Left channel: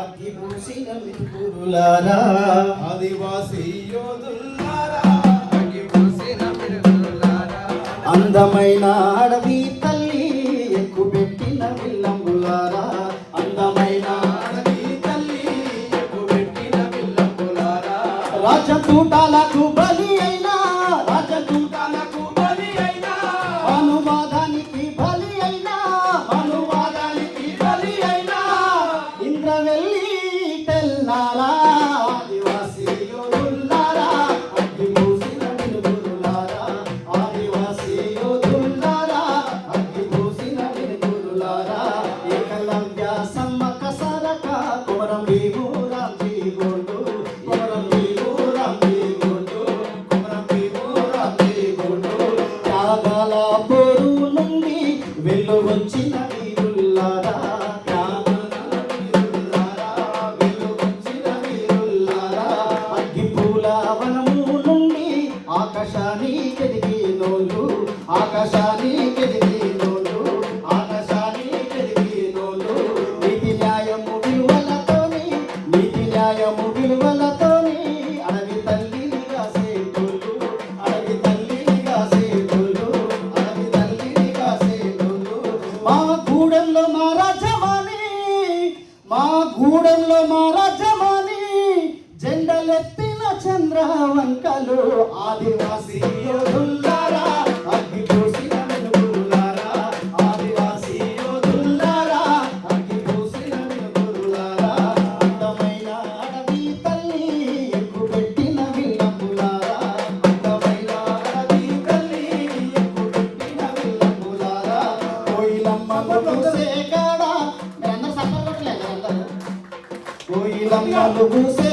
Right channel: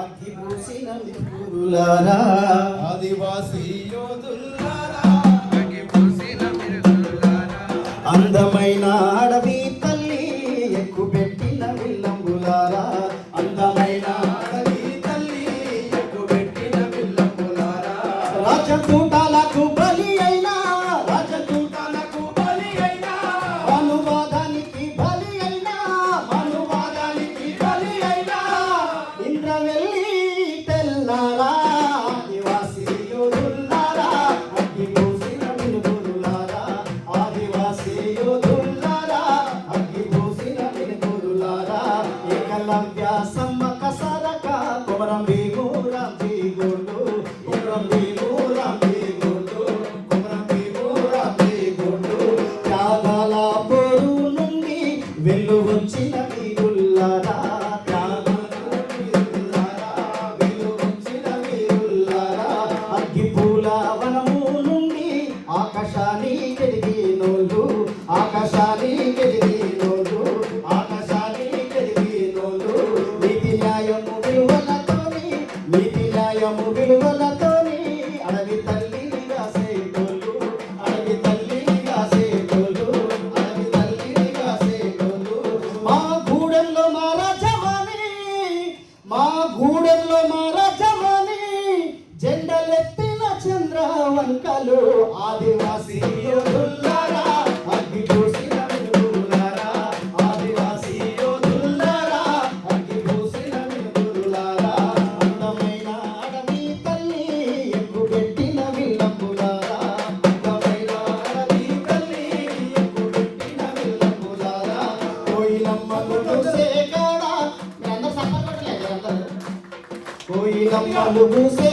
అగ్గిపూసిన మిత్రులారా ఆదివాసీ యోధులారా అగ్గిపూసిన మిత్రులారా అందమైన అడవి తల్లి ఎక్కుపెట్టిన విల్లంబులారా అందమైన అడవి తల్లి ఎక్కుపెట్టిన విల్లంబులారా రాజకూటాలకు బలి అయినా రాజకూటాలకు బలి అయినా అనువాదానికి బలి అయినా అనువాదానికి బలి అయినా ఇంద్రవెల్లి తెల్లారా ఆదివాసీ యోధులారా అగ్గిపూసిన మిత్రులారా ఆదివాసీ యోధులారా అగ్గిపూసిన మిత్రులారా ఏకలవ్య సమ్మక సరక కొమరంభీము రాంజీ గోండు కొమరంభీము రాంజీ గోండు కొమరంభీము రాంజీ గోండు త్యాగాల పేరు నుండి వెళ్ళు వచ్చిన వీరులారా అగ్గిపూల వనము నుండి ఆకాశానికి ఎదిగినోళ్ళు ఆకాశానికి ఎదిగినోళ్ళు ఆకాశానికి ఎదిగినోళ్ళు నీతి న్యాయము విలువలతోని నీతి న్యాయము విలువలతోని అడవి తల్లిని కాసేటోళ్ళు అడవి తల్లిని కాసేటోళ్ళు అడవి తల్లిని కాసేటోళ్ళు మా గూడెంలో మా రాజమాని మా గూడెంలో మా రాజమాని జెండలెత్తిన చంద్రవంకలు ఆదివాసీ యోధులారా అగ్గిపూసిన మిత్రులారా ఆదివాసీ యోధులారా అగ్గిపూసిన మిత్రులారా అందమైన అడవి తల్లి ఎక్కుపెట్టిన విల్లంబులారా అందమైన అడవి తల్లి ఎక్కుపెట్టిన విల్లంబులారా కోయిలమ్మకు పూసే కాడ నేను సప్పగొట్టలేదు కోయిలమ్మకు పూసే